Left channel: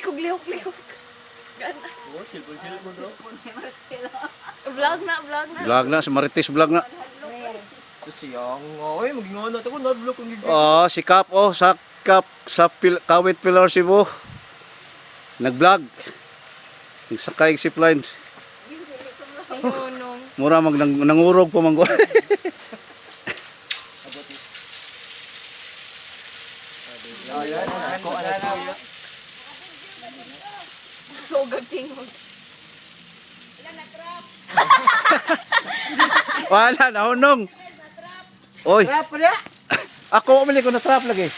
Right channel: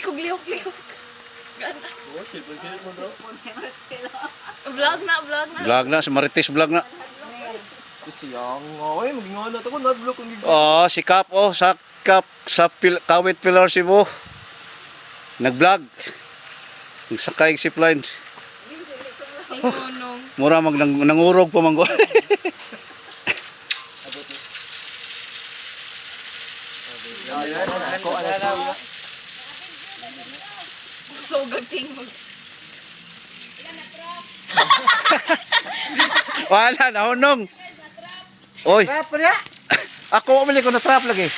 kog lihok-lihok. Gana. Oh, silpon mo bro. Vlog na, vlog na. Vlog na, si Marites vlog na. Kasi ang ay magingana to ko na-block kung hindi. Oh, si Kap oh, sa Kap sa Kawit Pilar Cebu. Nag-vlog. Nagsakay zipline. Ingunong. Mura nangurog pa manggo. Ako alas ko. Sogag tingog. Wala na hunong. Oy, Trap pala. ako umili ko na trap lagi.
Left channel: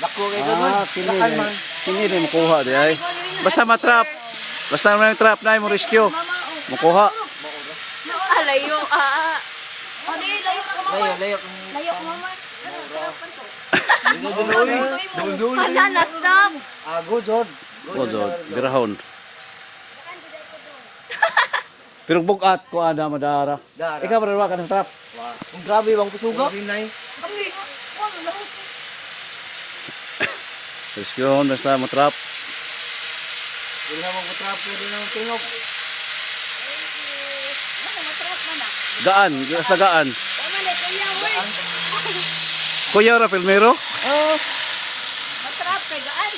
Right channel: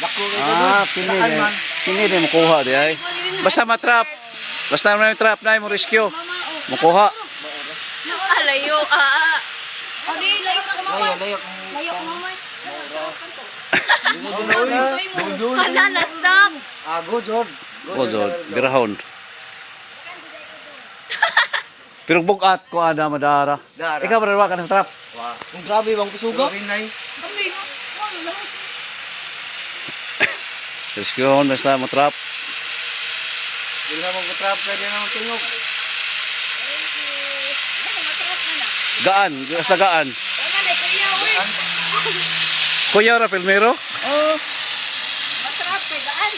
Dako kay Kini din makuha di ay. Basta matrap. Basta may trap na mo rescue. Makuha. Alayo, Adi, layo ka mama. Layo. Layo ka mama. Dudul. Hala, na-stop. Go Jod. Ozo, birahon. Pero bugat ko ada madara. Dara. Ikaw ba ka ng trap? Wah, ang grabe bang kusuga. Rescue on basta matrap. Wala mo trap pwede nang tingog. Gaan, basta gaan. Kuya ra filmero? Matrap kay gaan.